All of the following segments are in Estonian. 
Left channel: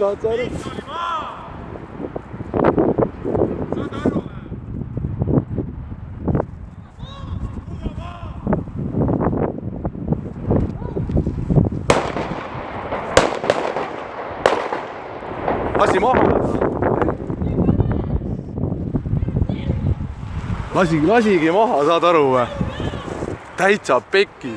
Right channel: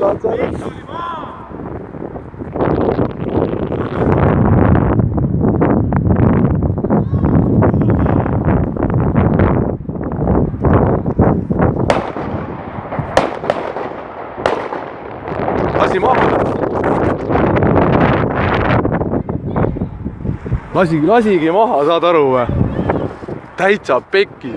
saad sa aru? Lasi maha. Lasigi maha, saad aru või? Täitsa pekki.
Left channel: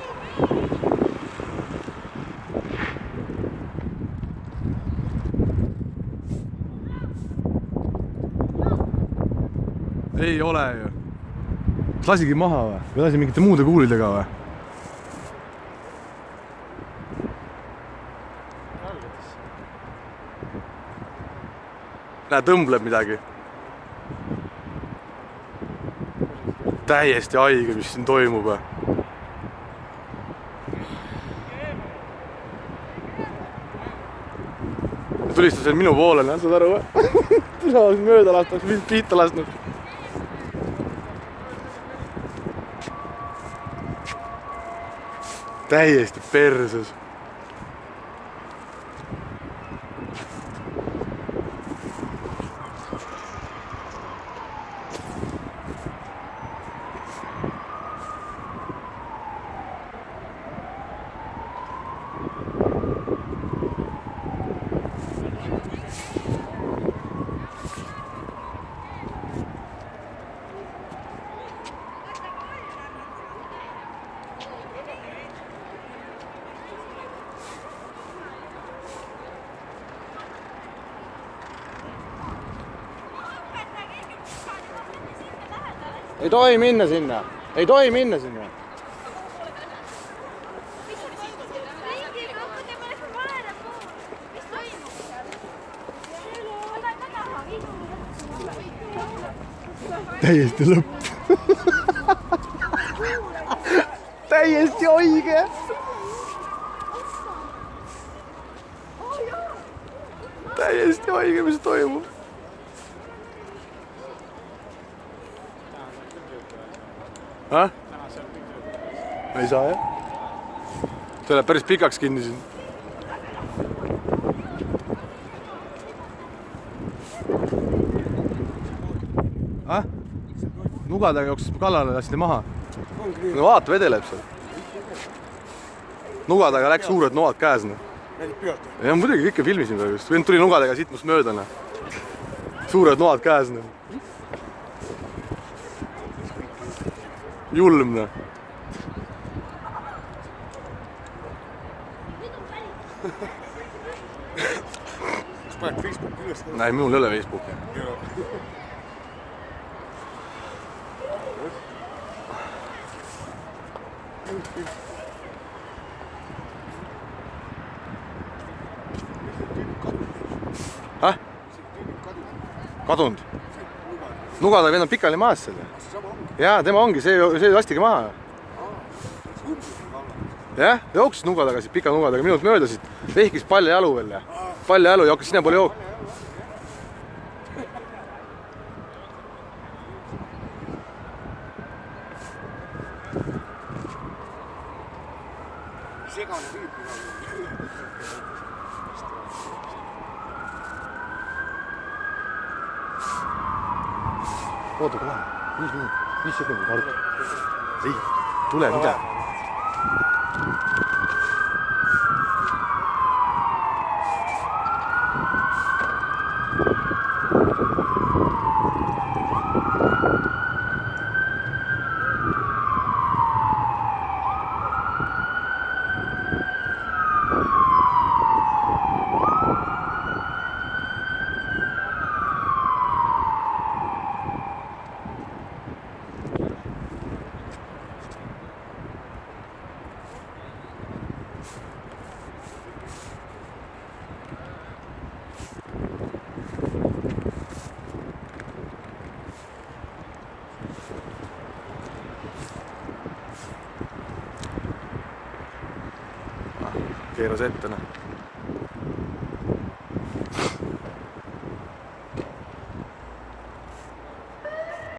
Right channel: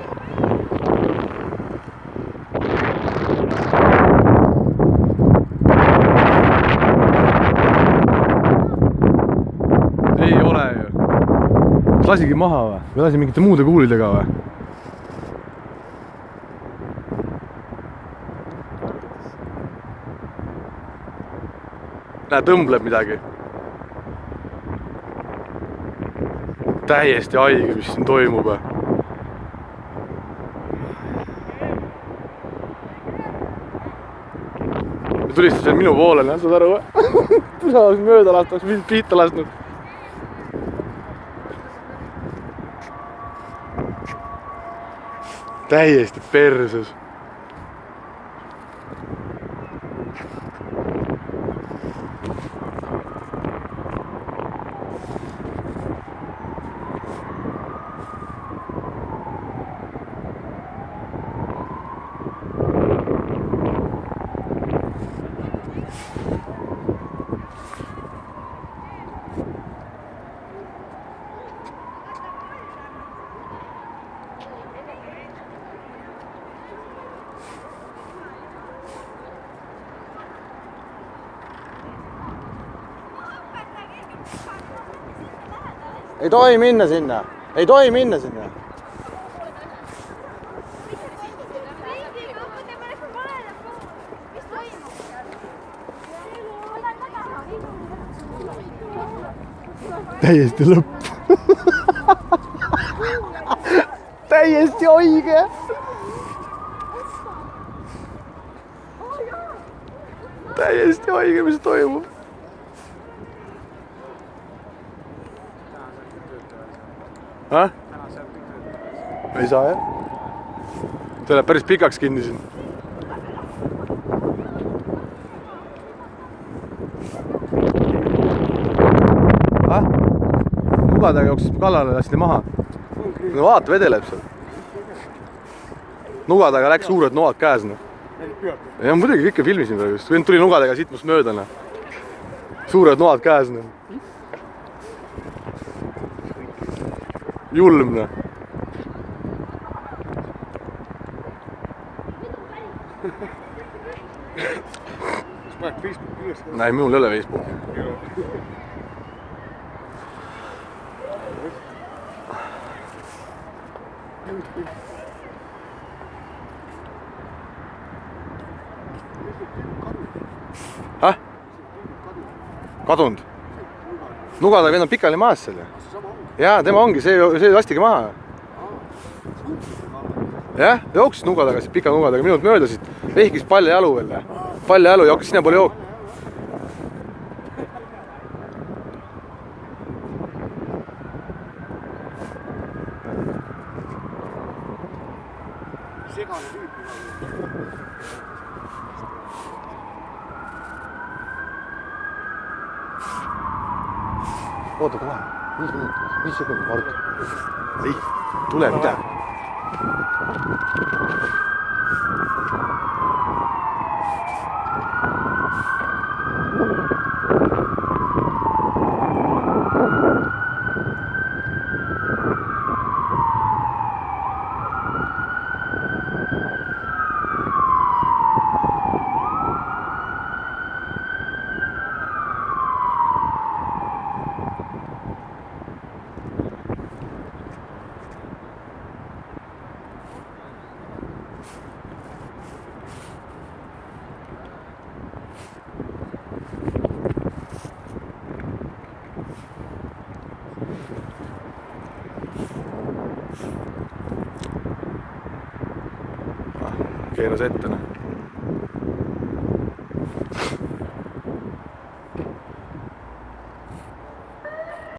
Ei ole ju. Lasigi maha või? Või lasi mingite muude kuulidega või? Näe, tõmbleb midagi. Täiesti haige, mis siin toimub. Tulistas veel minu poole, saad aru või? Tuleks mööda lastaks, mind pihta lasknud. Täiesti perses. Ei tohi minna sinna. Ei tohi minna sinna. Täiesti lõpp. Täiesti õige. Täiesti õige, mis toimub. Häh? Ei saa jah? See läheb päris pikaks kinni siin. Häh? Nugadega jooksis kallale, lasti maha. No vaata, vedeleb seal. Nugadega läks suured noad käes. Ja muidugi kõike filmisin praegu just. Tuli nugadega sitmust mööda. Suured noad käes. Julmne. Kas paned Facebooki üles? Näe, minul ei ole Facebooki. Häh? Kadunud? Nugada vend on pikali maas selle. Jaa, tema ongi, see lastigi maha. Jah, jooksis nugadega, pika nugadega, minut möödasid. Vehkis palja jalu veel. Palja jalu jooksis sinna poole jook. Segane tüüp. Oota kohe, 5 minutit, 5 sekundit, Mart. Ei, tule, mida? Keeras ette, noh.